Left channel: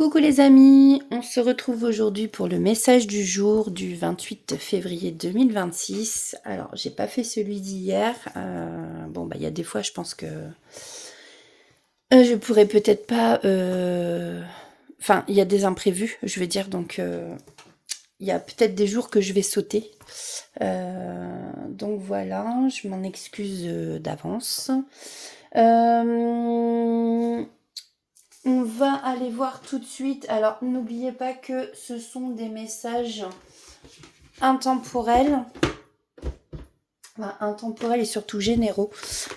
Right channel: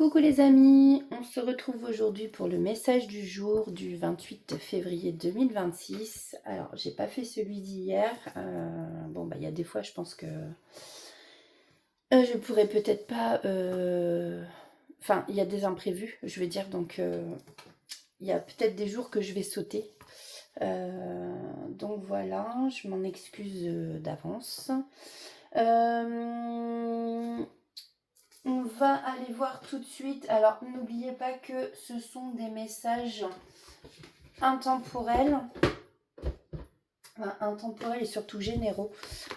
Coucou les amis, on se retrouve aujourd'hui pour le message du jour du 28 février 2026. Alors, j'ai pas fait celui d'hier. Il y a des fois, je pense que je pourrais peut-être pas. Enfin, il y a des imprévus, je veux dire, donc il y a peut-être des jours que je vais sauter. Donc voilà, je m'en excuse d'avance. On va aller voir tout de suite. Alors, n'oubliez pas que ce sont des messages intemporels. Enfin, intemporels et surtout généraux.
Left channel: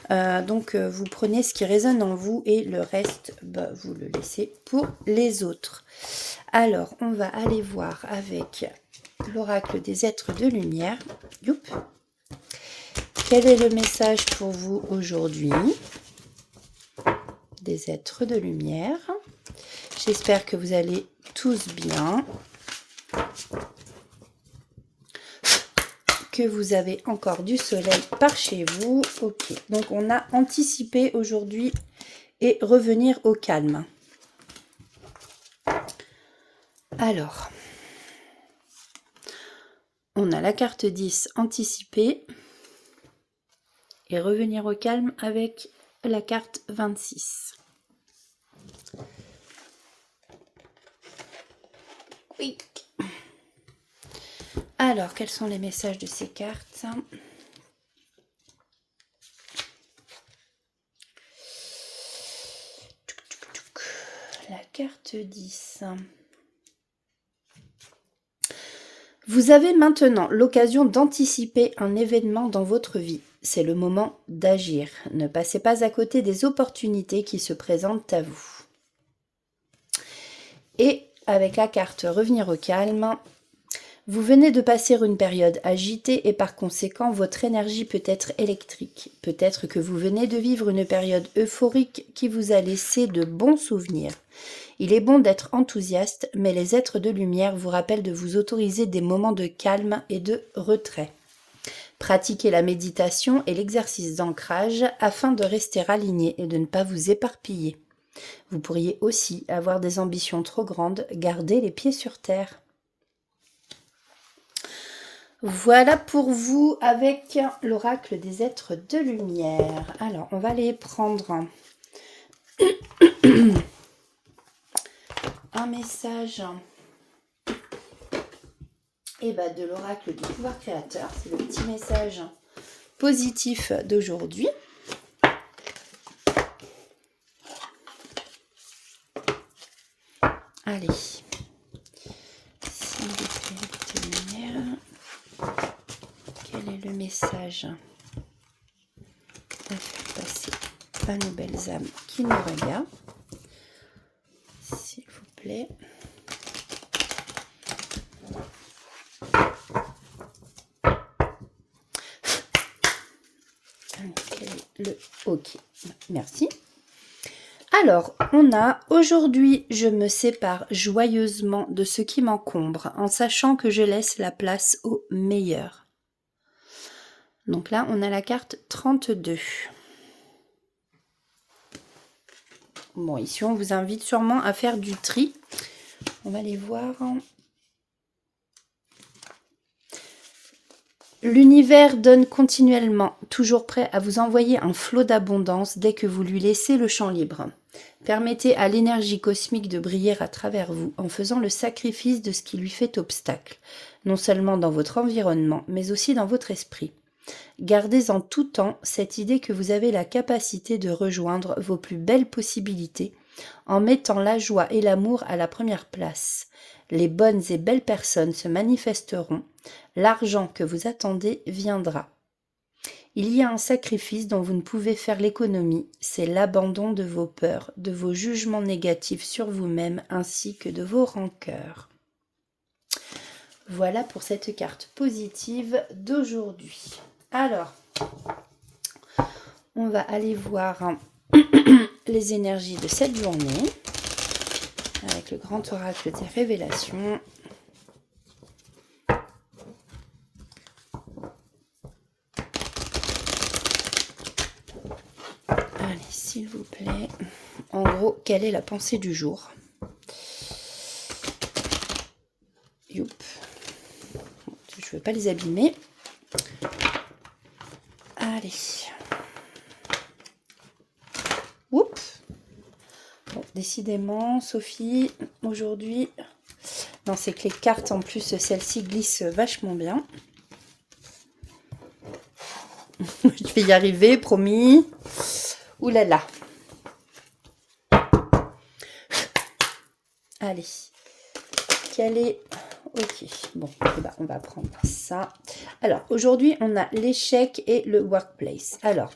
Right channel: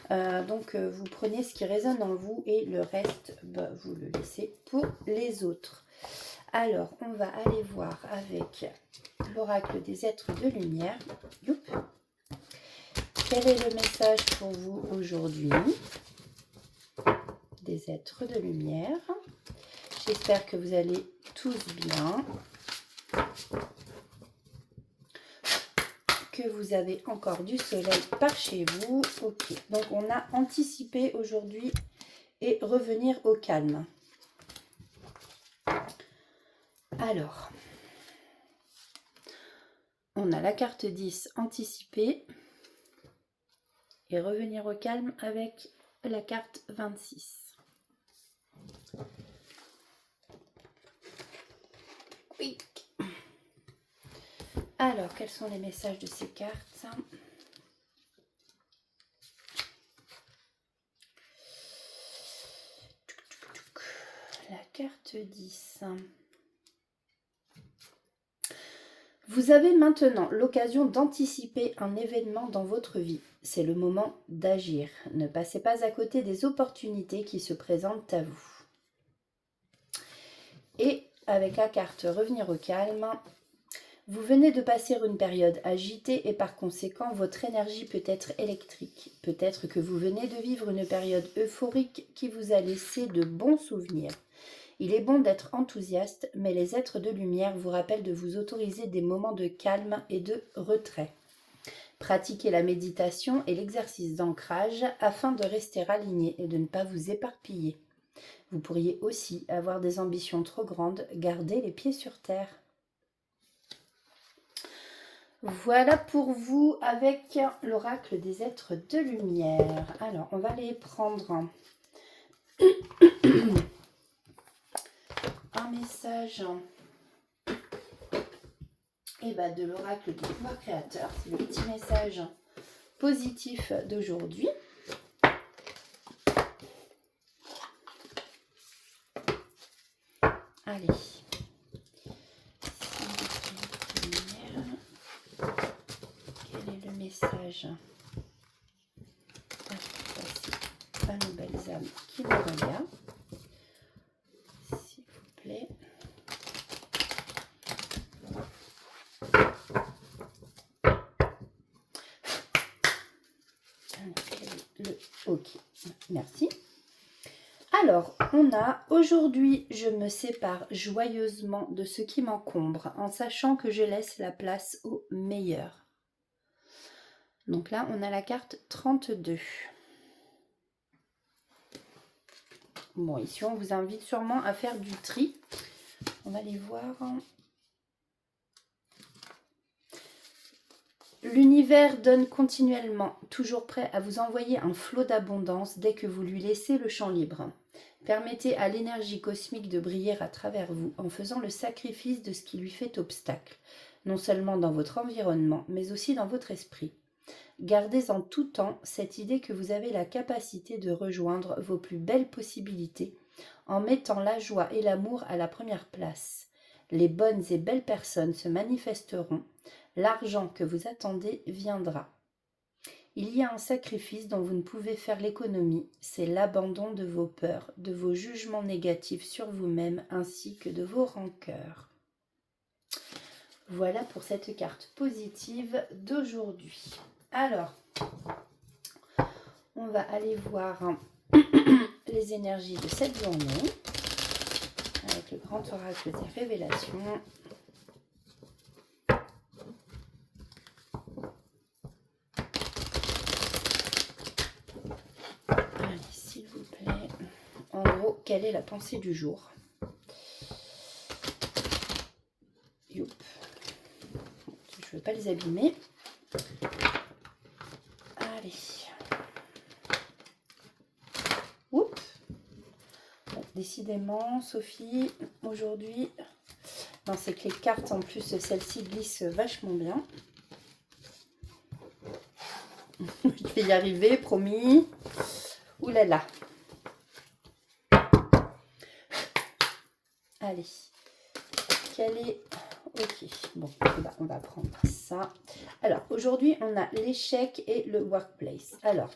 Vous prenez ce qui résonne en vous et le reste, vous le laissez pour les autres. Alors, on va aller voir avec l'oracle des êtres de lumière. Youp. Quel est le message pour vous aujourd'hui des êtres de lumière? J'espère que vous allez tous bien, que vous avez encore du soleil par chez vous. Ok, donc on a anticipé aujourd'hui et revenir au calme. Alors, on a la carte 10, anticiper et revenir au calme avec la carte 26. Oui. Alors, quels sont les messages de ces cartes? La carte 10. Vous avez maintenant l'occasion d'anticiper un événement dans votre vie. C'est le moment d'agir. Ne passez pas à côté des opportunités qui se présentent à vous. Et avec la carte revenir au calme, vous venez de passer une période agitée et par conséquent votre énergie peut être électrique. Peut-être que vous venez de vivre une période euphorique qui vous a laissé de bons souvenirs. Il est bon d'être enthousiaste, mais les êtres de lumière vous rappellent de vous autoriser des moments de calme et de retrait. Pratiquez la méditation et l'exercice d'ancrage afin de rester aligné et de ne pas vous éparpiller. Vous pourriez aussi avoir des ambitions trop grandes, gardez les pieds sur terre. Voilà pour vous avec l'oracle des êtres de lumière. Alors, on va les prendre un message de l'oracle du pouvoir créateur. C'est le petit message positif d'aujourd'hui. Allez. Message à faire passer à nos belles âmes qui nous regardent, s'il vous plaît. Ok, merci. Alors, on a aujourd'hui, je me sépare joyeusement de ce qui m'encombre en sachant que je laisse la place au meilleur. Donc là, on a la carte 32. Bon, ici, on vous invite sûrement à faire du tri. On va les voir. L'univers donne continuellement, toujours prêt à vous envoyer un flot d'abondance dès que vous lui laissez le champ libre. Permettez à l'énergie cosmique de briller à travers vous en faisant le sacrifice de ce qui lui fait obstacle, non seulement dans votre environnement, mais aussi dans votre esprit. Gardez en tout temps cette idée que vous avez la capacité de rejoindre vos plus belles possibilités en mettant la joie et l'amour à la première place. Les bonnes et belles personnes se manifesteront, l'argent que vous attendez viendra. Il y a un sacrifice dont vous ne pouvez faire l'économie, c'est l'abandon de vos peurs, de vos jugements négatifs sur vous-même ainsi que de vos rancœurs. Voilà pour cette carte positive d'aujourd'hui. Alors, on va aller voir les énergies de cette journée avec le grand oracle des révélations. Allez, s'il vous plaît. En gros, quelle est la pensée du jour? Youp. Je ne veux pas les abîmer. Allez. Oups. Bon, décidément, Sophie, aujourd'hui... Non, c'est que les cartes, en plus, celles-ci glissent vachement bien. Je vais y arriver, promis. Ouh là là. Allez. Quel est... Ok, bon, on va prendre ça. Alors, aujourd'hui, on a l'échec et le workplace. Alors,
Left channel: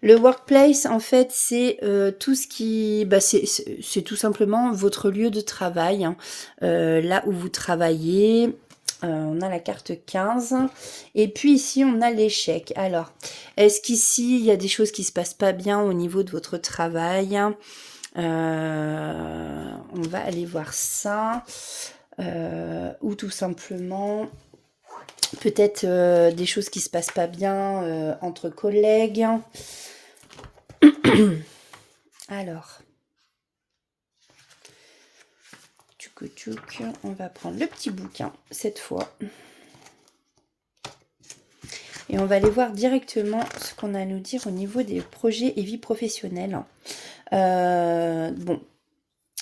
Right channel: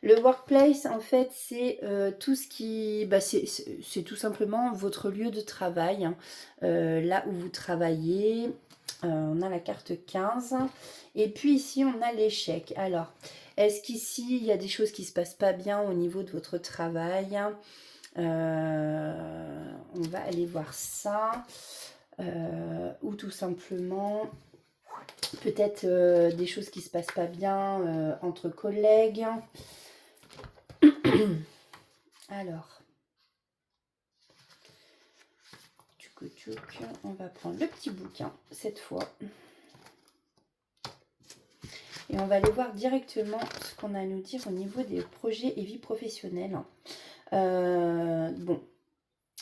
le workplace, en fait, c'est tout ce qui... c'est tout simplement votre lieu de travail, hein, là où vous travaillez. On a la carte 15. Et puis ici, on a l'échec. Alors, est-ce qu'ici, il y a des choses qui ne se passent pas bien au niveau de votre travail? On va aller voir ça. Ou tout simplement peut-être des choses qui se passent pas bien entre collègues. Alors, on va prendre le petit bouquin cette fois et on va aller voir directement ce qu'on a à nous dire au niveau des projets et vie professionnelle. Bon,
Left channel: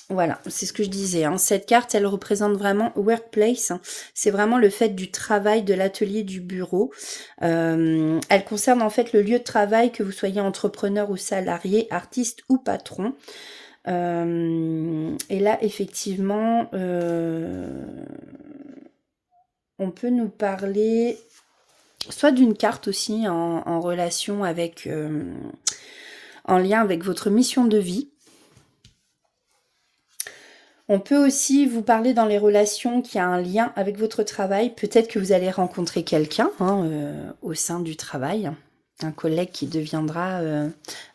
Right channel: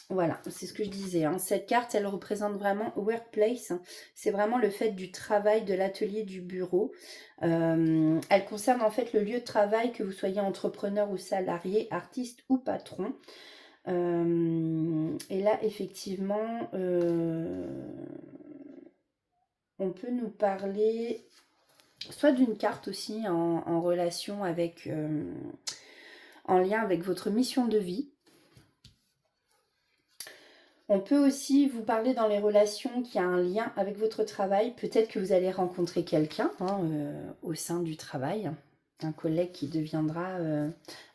voilà, c'est ce que je disais, hein. Cette carte, elle représente vraiment workplace. C'est vraiment le fait du travail, de l'atelier, du bureau. Elle concerne en fait le lieu de travail, que vous soyez entrepreneur ou salarié, artiste ou patron. Et là, effectivement, on peut nous parler soit d'une carte aussi en relation avec, en lien avec votre mission de vie. On peut aussi vous parler dans les relations qui a un lien avec votre travail. Peut-être que vous allez rencontrer quelqu'un au sein du travail, un collègue qui deviendra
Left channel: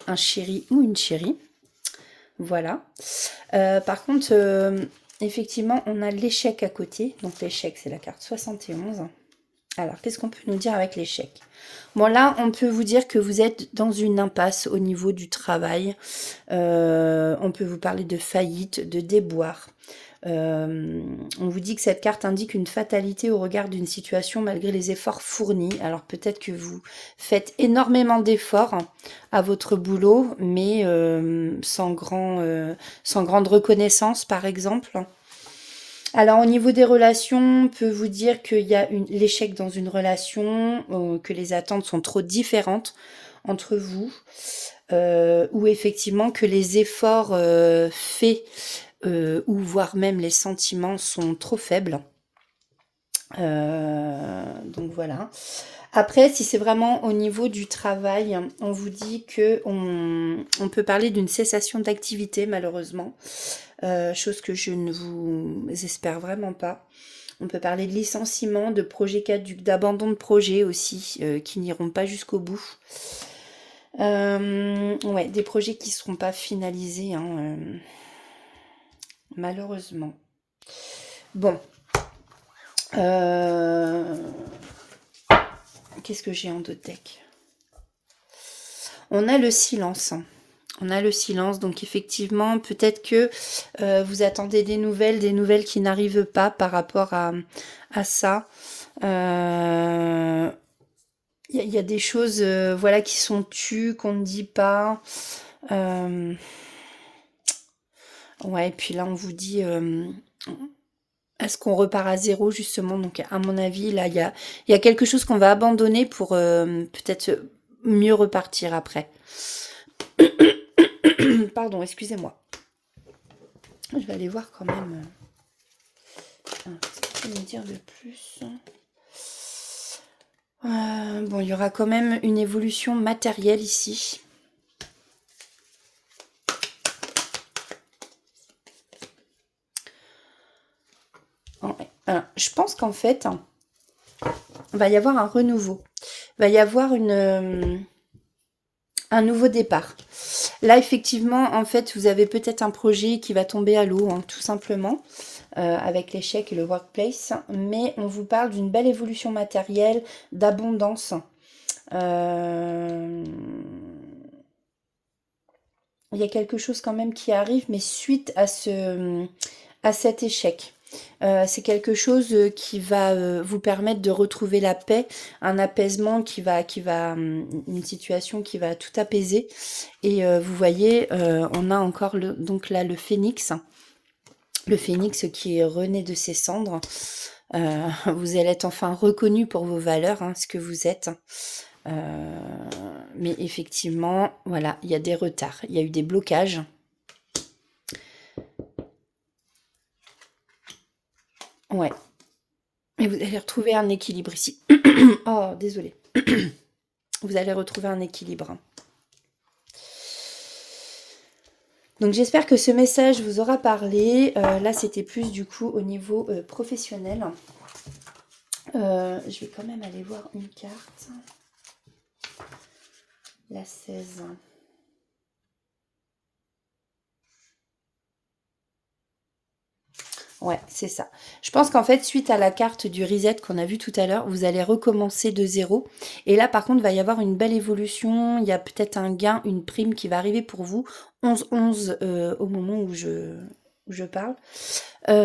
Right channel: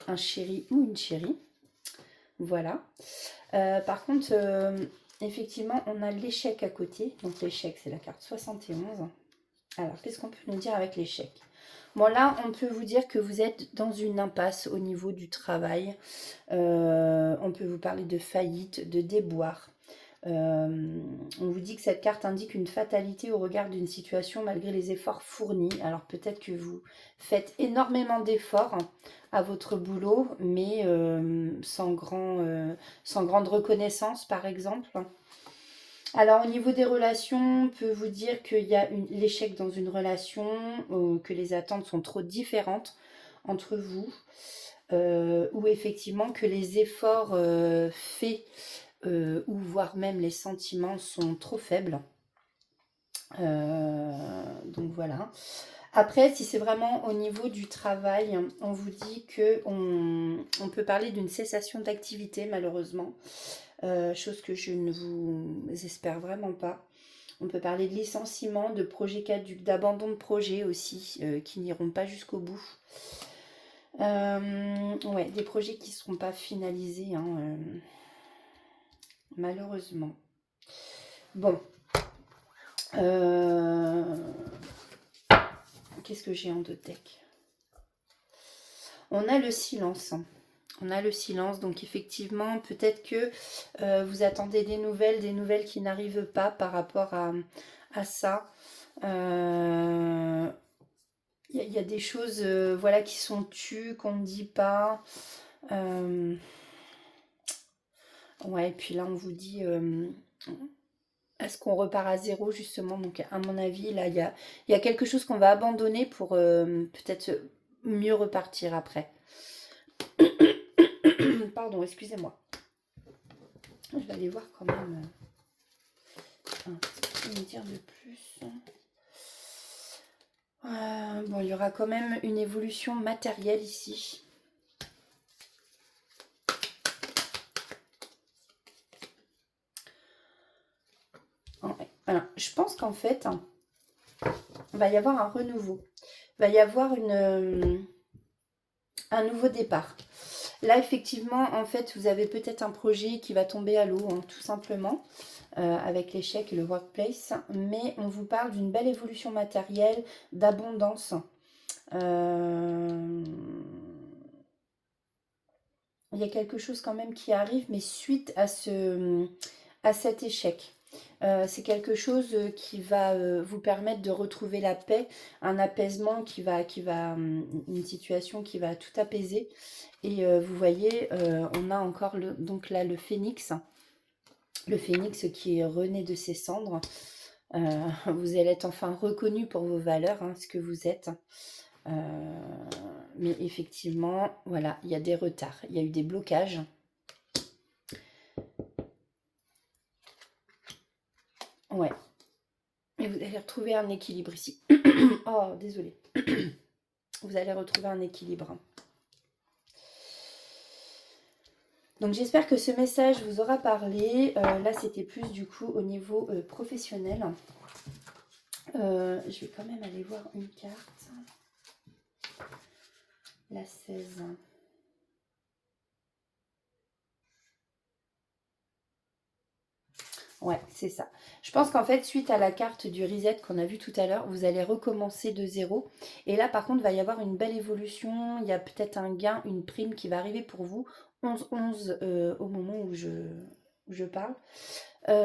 un chéri ou une chérie. Voilà. Par contre, effectivement, on a l'échec à côté. Donc l'échec, c'est la carte 71. Alors, qu'est-ce qu'on peut nous dire avec l'échec? Bon, là, on peut vous dire que vous êtes dans une impasse au niveau du travail. On peut vous parler de faillite, de déboire. On vous dit que cette carte indique une fatalité au regard d'une situation malgré les efforts fournis. Alors, peut-être que vous faites énormément d'efforts à votre boulot, mais sans grande reconnaissance, par exemple. Alors, au niveau des relations, on peut vous dire qu'il y a l'échec dans une relation, que les attentes sont trop différentes entre vous, ou effectivement que les efforts faits, ou voire même les sentiments sont trop faibles. Donc voilà. Après, si c'est vraiment au niveau du travail, on vous dit que on peut parler d'une cessation d'activité, malheureusement. Chose que je ne vous espère vraiment pas. On peut parler de licenciement, de projets caducs, d'abandon de projets aussi, qui n'iront pas jusqu'au bout. Ouais, des projets qui ne seront pas finalisés, hein, malheureusement. Bon. Qu'est-ce que j'ai en deux decks? On a le silence. On a le silence, donc effectivement, peut-être que vous attendez des nouvelles qui n'arrivent pas par rapport à ça. Il y a des choses voilà, qui sont tues, qu'on ne dit pas. Ouais, et puis là, on vous dit... est-ce qu'on repart à zéro, justement? Donc, à mon avis, là, il y a quelque chose qu'on va abandonner pour peut-être mieux repartir après. Pardon, excusez-moi. Je vais aller voir quand même. Qu'est-ce qu'il faut me dire de plus? Bon, il y aura quand même une évolution matérielle ici. Alors, je pense qu'en fait, il va y avoir un renouveau. Il va y avoir un nouveau départ. Là, effectivement, en fait, vous avez peut-être un projet qui va tomber à l'eau, hein, tout simplement, avec l'échec et le workplace. Mais on vous parle d'une belle évolution matérielle, d'abondance. Il y a quelque chose quand même qui arrive, mais suite à cet échec. C'est quelque chose qui va vous permettre de retrouver la paix, un apaisement une situation qui va tout apaiser. Et vous voyez, on a encore donc là le phénix qui est rené de ses cendres. Vous allez être enfin reconnu pour vos valeurs, hein, ce que vous êtes. Mais effectivement, voilà, il y a des retards, il y a eu des blocages. Ouais. Et vous allez retrouver un équilibre ici. Oh, désolé. Vous allez retrouver un équilibre. Donc j'espère que ce message vous aura parlé. Là, c'était plus du coup au niveau professionnel. Je vais quand même aller voir une carte. La 16. Ouais, c'est ça. Je pense qu'en fait, suite à la carte du reset qu'on a vu tout à l'heure, vous allez recommencer de zéro. Et là, par contre, il va y avoir une belle évolution. Il y a peut-être un gain, une prime qui va arriver pour vous. 11-11 au moment où je parle. Il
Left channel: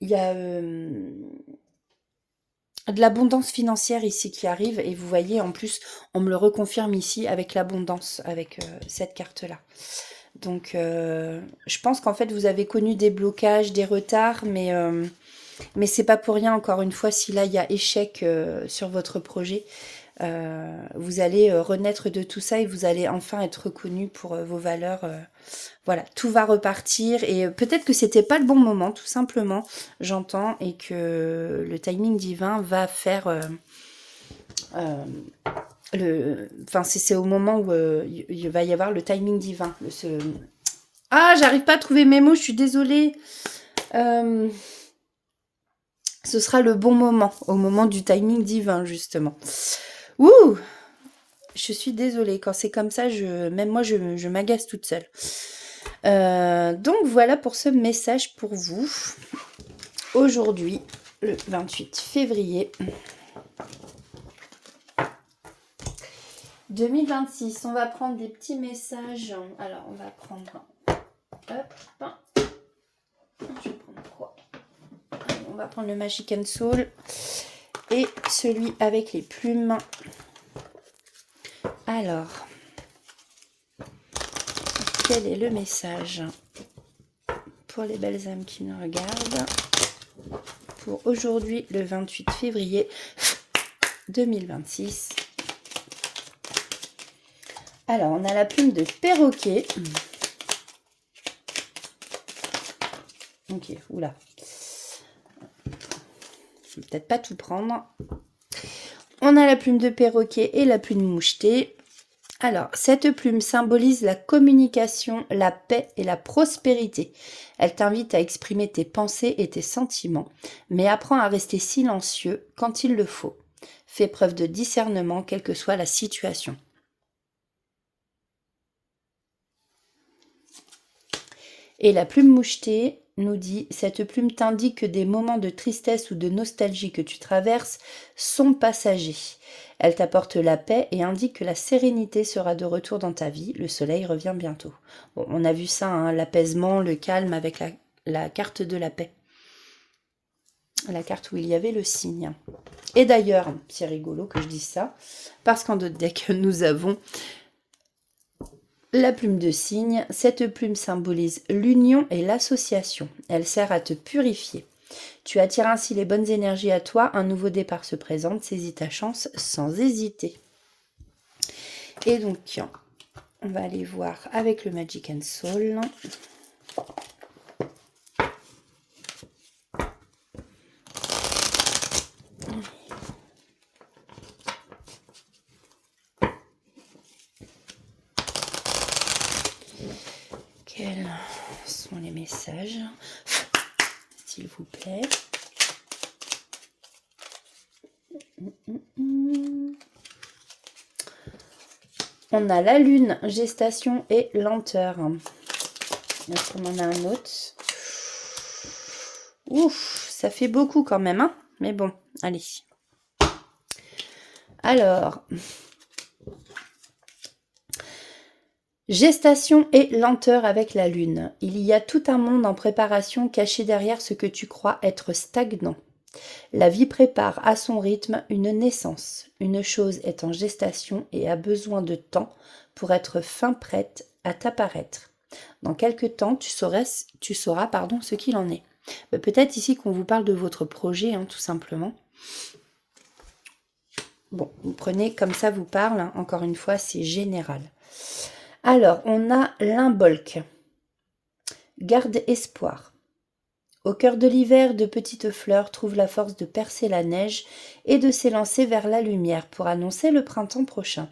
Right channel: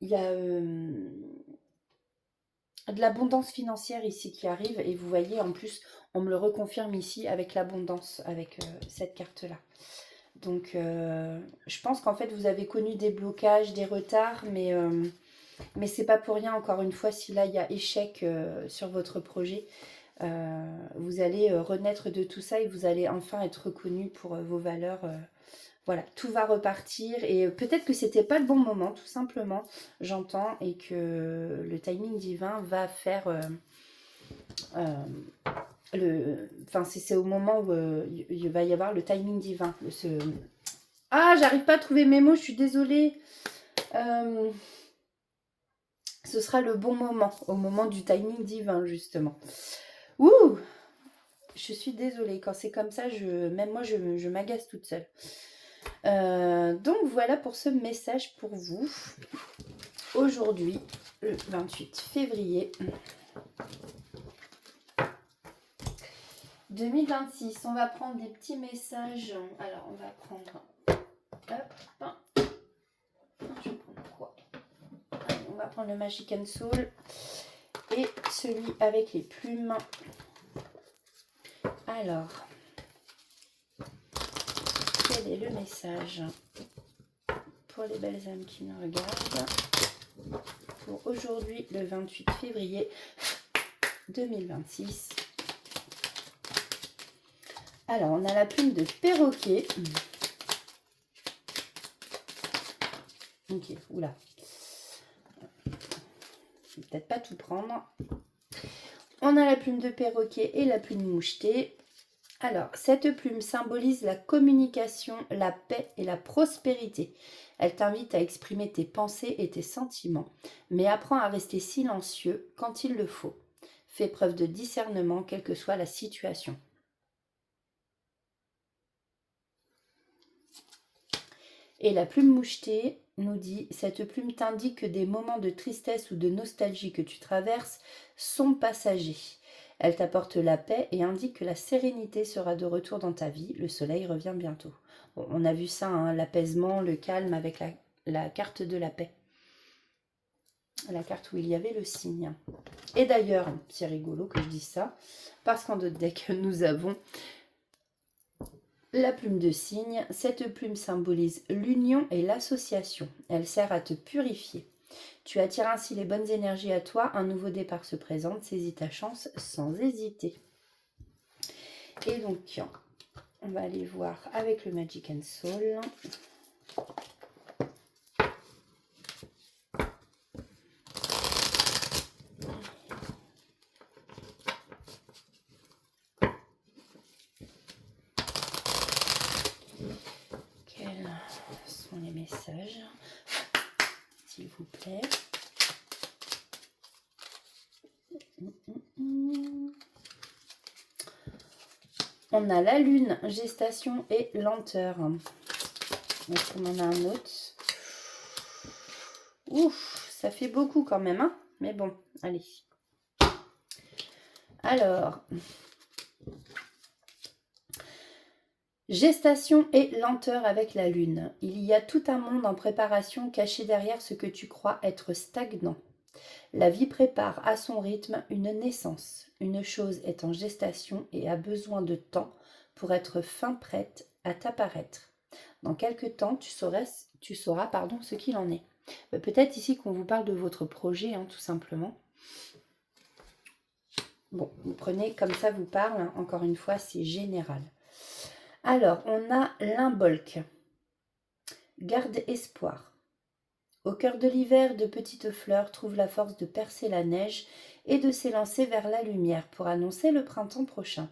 y a de l'abondance financière ici qui arrive. Et vous voyez, en plus, on me le reconfirme ici avec l'abondance, avec cette carte-là. Donc, je pense qu'en fait, vous avez connu des blocages, des retards, mais c'est pas pour rien, encore une fois, si là, il y a échec sur votre projet, vous allez renaître de tout ça et vous allez enfin être reconnu pour vos valeurs. Voilà, tout va repartir et peut-être que c'était pas le bon moment, tout simplement, j'entends, et que le timing divin va faire... Enfin, c'est au moment où il va y avoir le timing divin. Ah, j'arrive pas à trouver mes mots, je suis désolée. Ce sera le bon moment, au moment du timing divin, justement. Ouh! Je suis désolée, quand c'est comme ça, même moi, je m'agace toute seule. Donc, voilà pour ce message pour vous. Aujourd'hui, le 28 février 2026. On va prendre des petits messages. Alors, on va prendre... Hop. Je vais prendre quoi? On va prendre le Magic and Soul et celui avec les plumes. Alors, quel est le message pour les belles âmes qui me regardent pour aujourd'hui, le 28 février 2026? Alors, on a la plume de perroquet. Ok, oula. Je vais peut-être pas tout prendre. On a la plume de perroquet et la plume mouchetée. Alors, cette plume symbolise la communication, la paix et la prospérité. Elle t'invite à exprimer tes pensées et tes sentiments, mais apprends à rester silencieux quand il le faut. Fais preuve de discernement, quelle que soit la situation. Et la plume mouchetée nous dit, cette plume t'indique que des moments de tristesse ou de nostalgie que tu traverses sont passagers. Elle t'apporte la paix et indique que la sérénité sera de retour dans ta vie. Le soleil revient bientôt. Bon, on a vu ça, hein, l'apaisement, le calme avec la carte de la paix. La carte où il y avait le signe. Et d'ailleurs, c'est rigolo que je dise ça, parce qu'en d'autres decks, nous avons la plume de cygne. Cette plume symbolise l'union et l'association. Elle sert à te purifier. Tu attires ainsi les bonnes énergies à toi. Un nouveau départ se présente. Saisis ta chance sans hésiter. Et donc, on va aller voir avec le Magic and Soul. Quels sont les messages, s'il vous plaît? On a la lune, gestation et lenteur. Est-ce qu'on en a un autre? Ouf, ça fait beaucoup quand même, hein? Mais bon, allez. Alors, Gestation et lenteur avec la lune. Il y a tout un monde en préparation caché derrière ce que tu crois être stagnant. La vie prépare à son rythme une naissance. Une chose est en gestation et a besoin de temps pour être fin prête à t'apparaître. Dans quelque temps, tu sauras ce qu'il en est. Peut-être ici qu'on vous parle de votre projet, tout simplement. Bon, vous prenez comme ça vous parle, encore une fois, c'est général. Alors, on a l'imbolc. Garde espoir. Au cœur de l'hiver, de petites fleurs trouvent la force de percer la neige et de s'élancer vers la lumière pour annoncer le printemps prochain.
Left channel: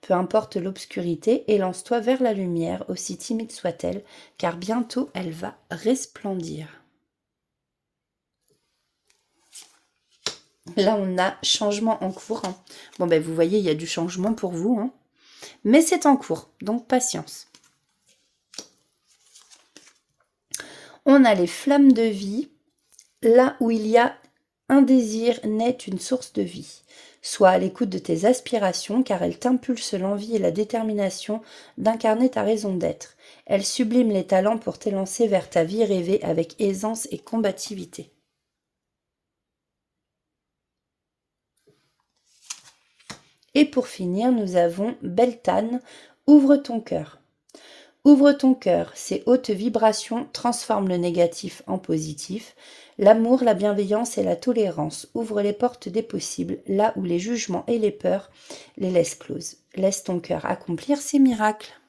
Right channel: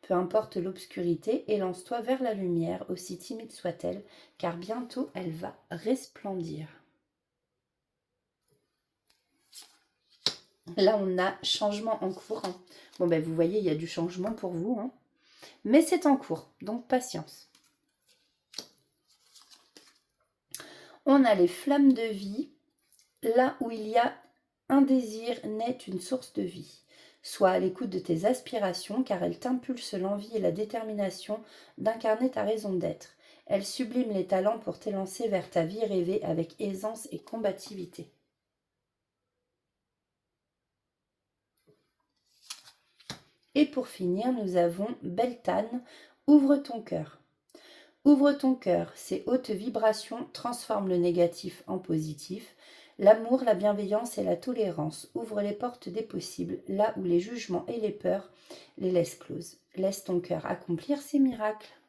Peu importe l'obscurité, élance-toi vers la lumière, aussi timide soit-elle, car bientôt elle va resplendir. Là, on a changement en cours. Bon, vous voyez, il y a du changement pour vous. Mais c'est en cours, donc patience. On a les flammes de vie. Là où il y a un désir naît une source de vie. Sois à l'écoute de tes aspirations, car elles t'impulsent l'envie et la détermination d'incarner ta raison d'être. Elles subliment les talents pour t'élancer vers ta vie rêvée avec aisance et combativité. Et pour finir, nous avons Beltane, ouvre ton cœur. Ouvre ton cœur, ces hautes vibrations transforment le négatif en positif. L'amour, la bienveillance et la tolérance ouvrent les portes des possibles, là où les jugements et les peurs les laissent closes. Laisse ton cœur accomplir ses miracles.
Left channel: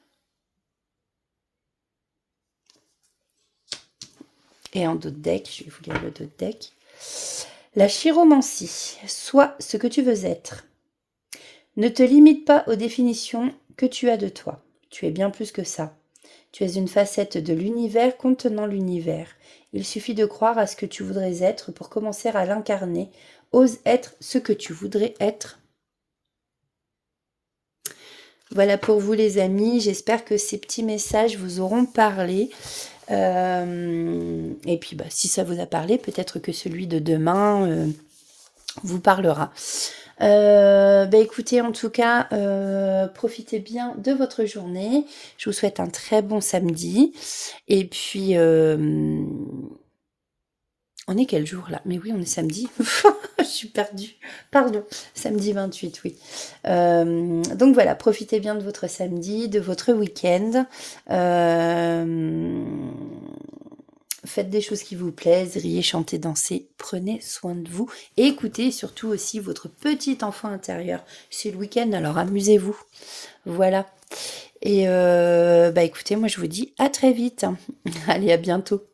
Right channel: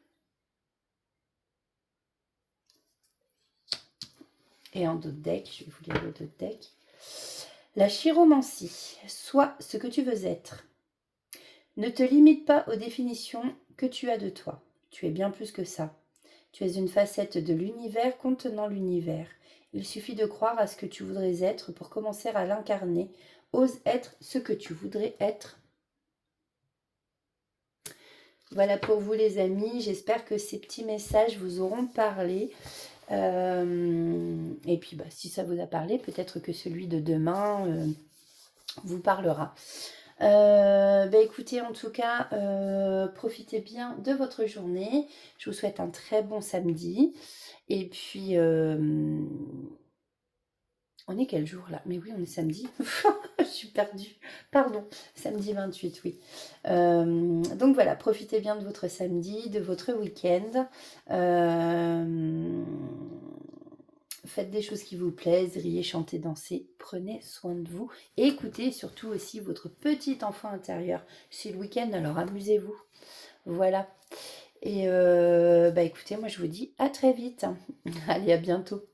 Et en d'autres decks, je vais vous lire le d'autres deck. La chiromancie, sois ce que tu veux être. Ne te limite pas aux définitions que tu as de toi. Tu es bien plus que ça. Tu es une facette de l'univers contenant l'univers. Il suffit de croire à ce que tu voudrais être pour commencer à l'incarner. Ose être ce que tu voudrais être. Voilà pour vous les amis. J'espère que ces petits messages vous auront parlé. Et puis si ça vous a parlé, peut-être que celui de demain vous parlera. Écoutez, en tout cas, profitez bien de votre journée. Je vous souhaite un très bon samedi. Et puis, on est quel jour là? Mais oui, on est samedi. Je suis perdue. Pardon, samedi 28, oui. Donc voilà, profitez bien de votre samedi, de votre week-end. Faites des choses qui vous plaisent, riez, chantez, dansez, prenez soin de vous. Et écoutez surtout aussi votre petit enfant intérieur. C'est le week-end, alors amusez-vous. Voilà. Et écoutez, moi je vous dis à très vite. Allez, à bientôt.